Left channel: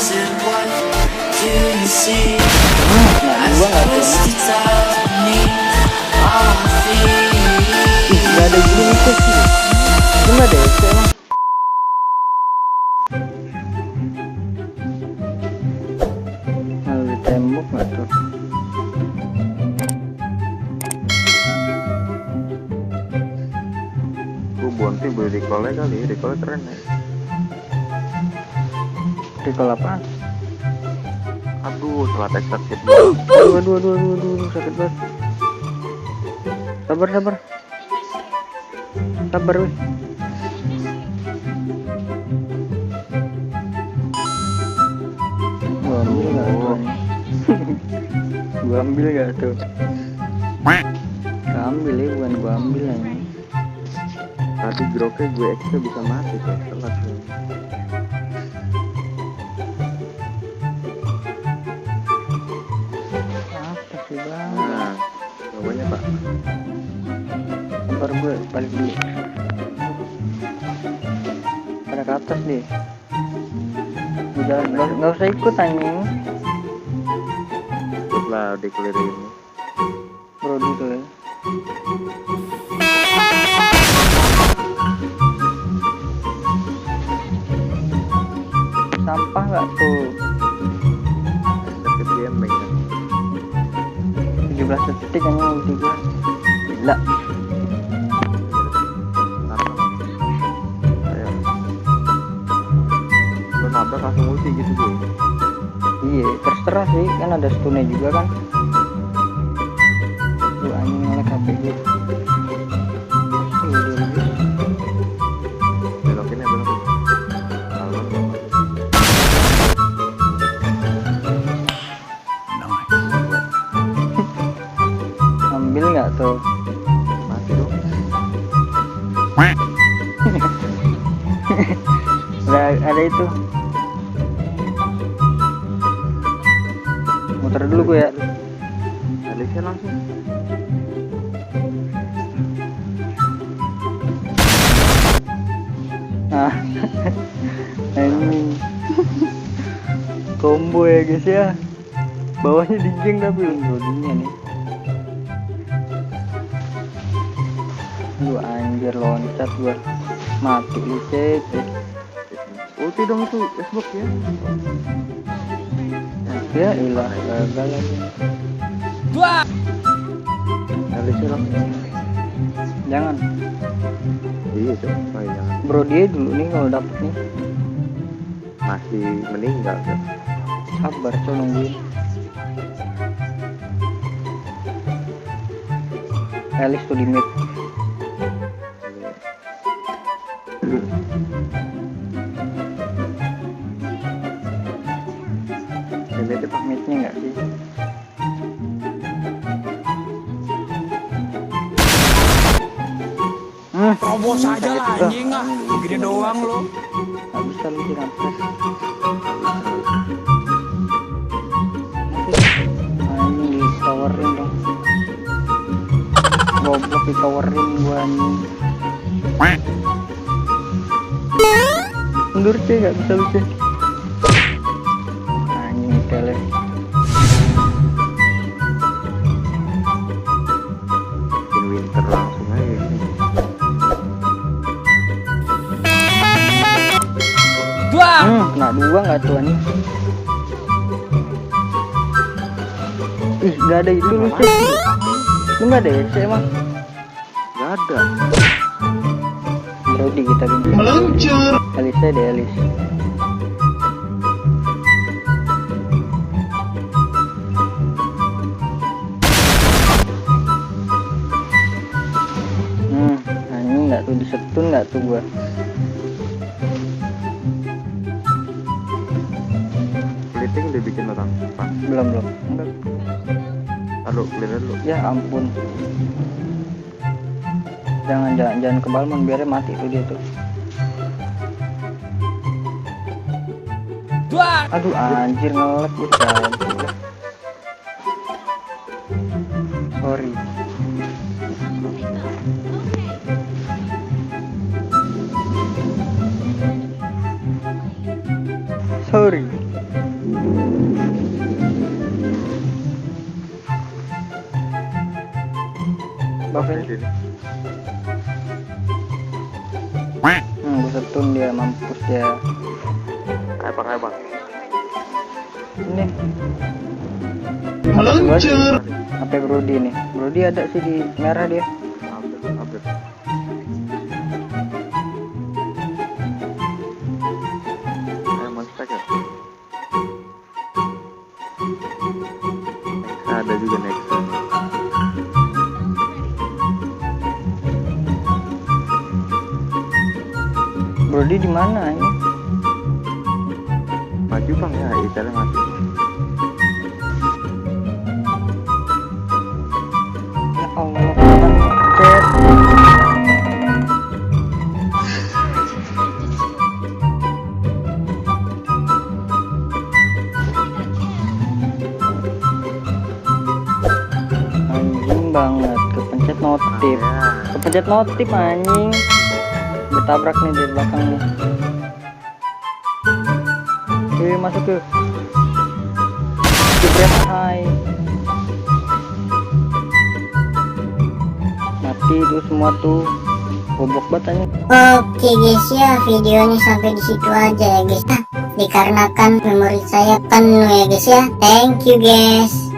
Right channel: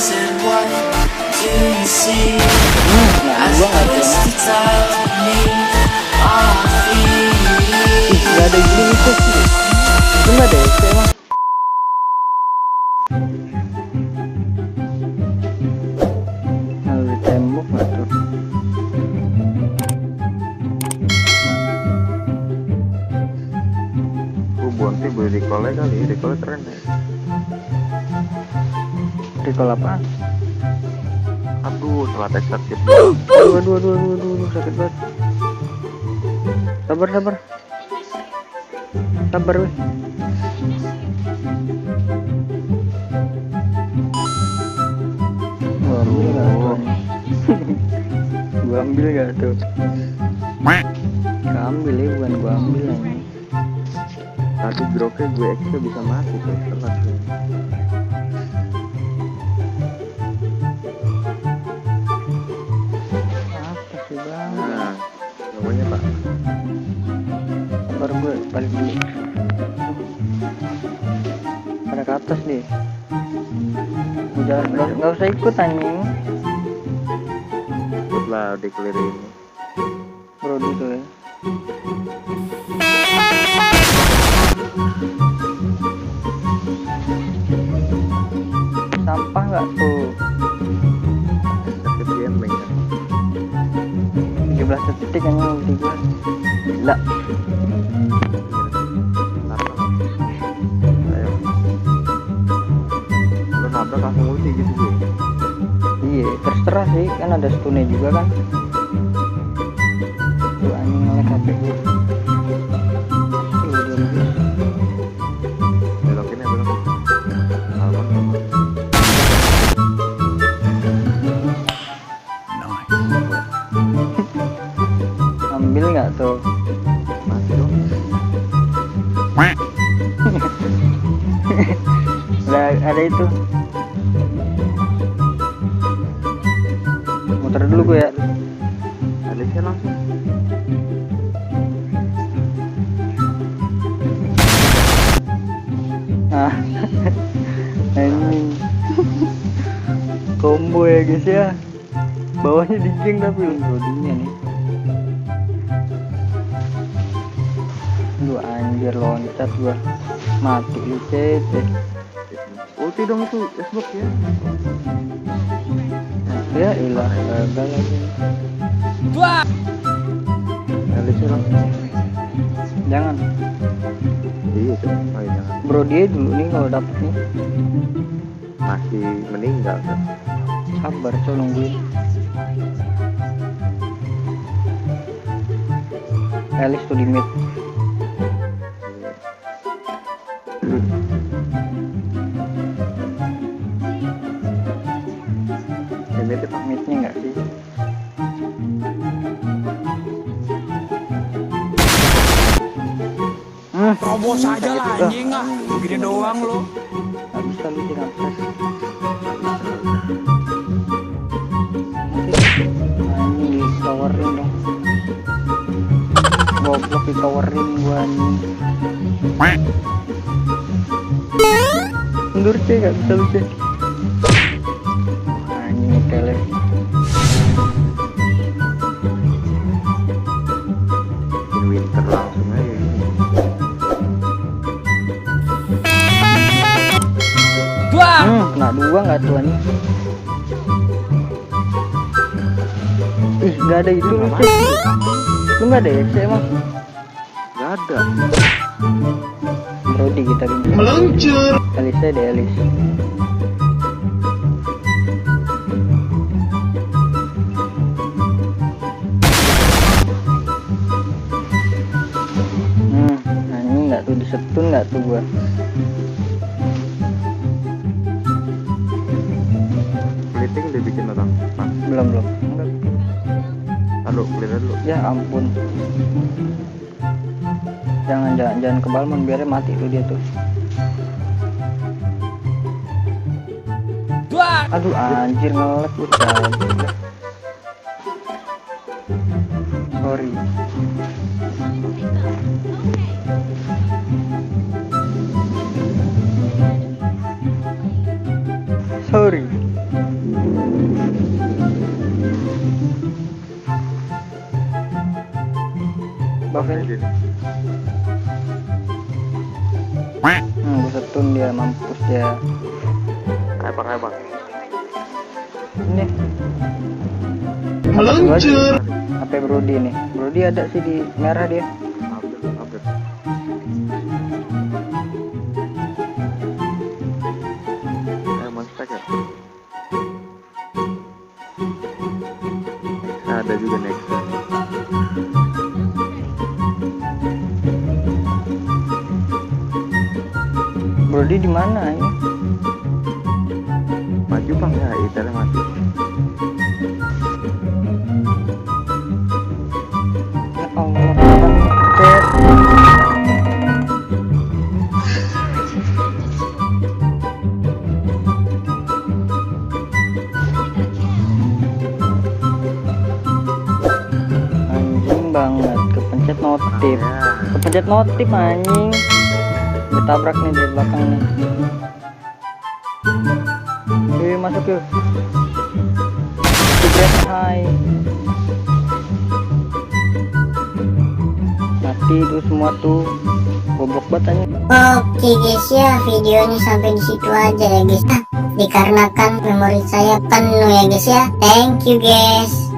is it? What do you see? Nah, As gua the nggak tuh. twisted tiles beneath our feet. Ih, nggak ada gini nih sih. Cuma deh, emang. Lalu tembok nggak tuh? Bonti beli recall kali, recall keren ya. Recall apaan? Aduh, salah tek sakit. Aduh, sakit banget. Sabar. Sabar, weh. Gua ambil nggak tuh? Ambil ya, bukan gua ambil aja. Tadi groknya gue extra bisa mati tuh, telat tuh. Apa sih bang? Nah, namanya pak. Sabar, gue balik dulu. Pada ke atas deh. Udah nggak usah ikut anjing. Ikutlah declare ini. Brody tuh ya. Sampah nggak tuh? Sakit gaming kan. 17 detik hanya ulti gua. Gila. Ayo. Lo nabrak langsung ulti gitu gue. Iya, terserah sih, kan ada stunnya juga kan. Lu anjing nge-lag HP gue. Belokin ya, belokin. Kalman apa? Ambil nggak tuh? Mati dong. Ada itu. Muter dulu gue ya. Alisnya langsung. Nah, ini combo ya guys ya. Bawahnya digeng tapi Brodinya nih. Lu anjir loncat gua. Mati lu cece. Ulti dong itu, Xbox ya. Ya ilah, gagal lagi. Alisnya langsung. Jangan. Iya tuh, ayo jangan. Bro dia dulu nih kalau dapet nih. Masih meninggal kan. Sabar coy nungguin. Elis tuh di mid. Ini tuh pak. Midnya nggak sih? Terobos aja lah anjing ah. Gini doang lo. Nggak bisa lu sih kampret. Anjing di towerin dong. Goblok di towerin gua anjing. Mundur sih nggak bisa lu sih. Anjing tele. Bikin winter langsung aja gini. Kena dua nggak tuh nih? Ih, nggak ada itu lu sih. Lu nggak ada sih emang? Gak ada. Brody kita gini. Meluncur. Elisnya deh Elis. Anjing nggak tuh disetun nggak tuh gua? Splitting udah bikin orang pak. Belum. Enggak. Aduh, clear dulu. Ya ampun. Jangan ke balmon biar mati tuh dia tuh. Aduh anjir nge-lag gue cabut. Sorry. Sorry. off ini. Sini. Gue setun dia, mampus dia. Ayo bang. Ini meluncur. HP Brody nih. Brody ada sih di merah dia. Update. Ayo monster ya. Nexa ada juga Nexa. Brody di mana ini? Maju bang ya, Italia mati. Ya Allah, pencet. Anjing banget, kepencet notif. Kepencet notif anjing. Ditabrak nih di belakang nih. Masuk yuk. Jebret, hai. Mati tuh semua tuh. Goblok banget anjing. Oke guys ya, videonya sampai di situ aja ya guys. Dikarenakan memori saya penuh ya guys ya. Thank you guys.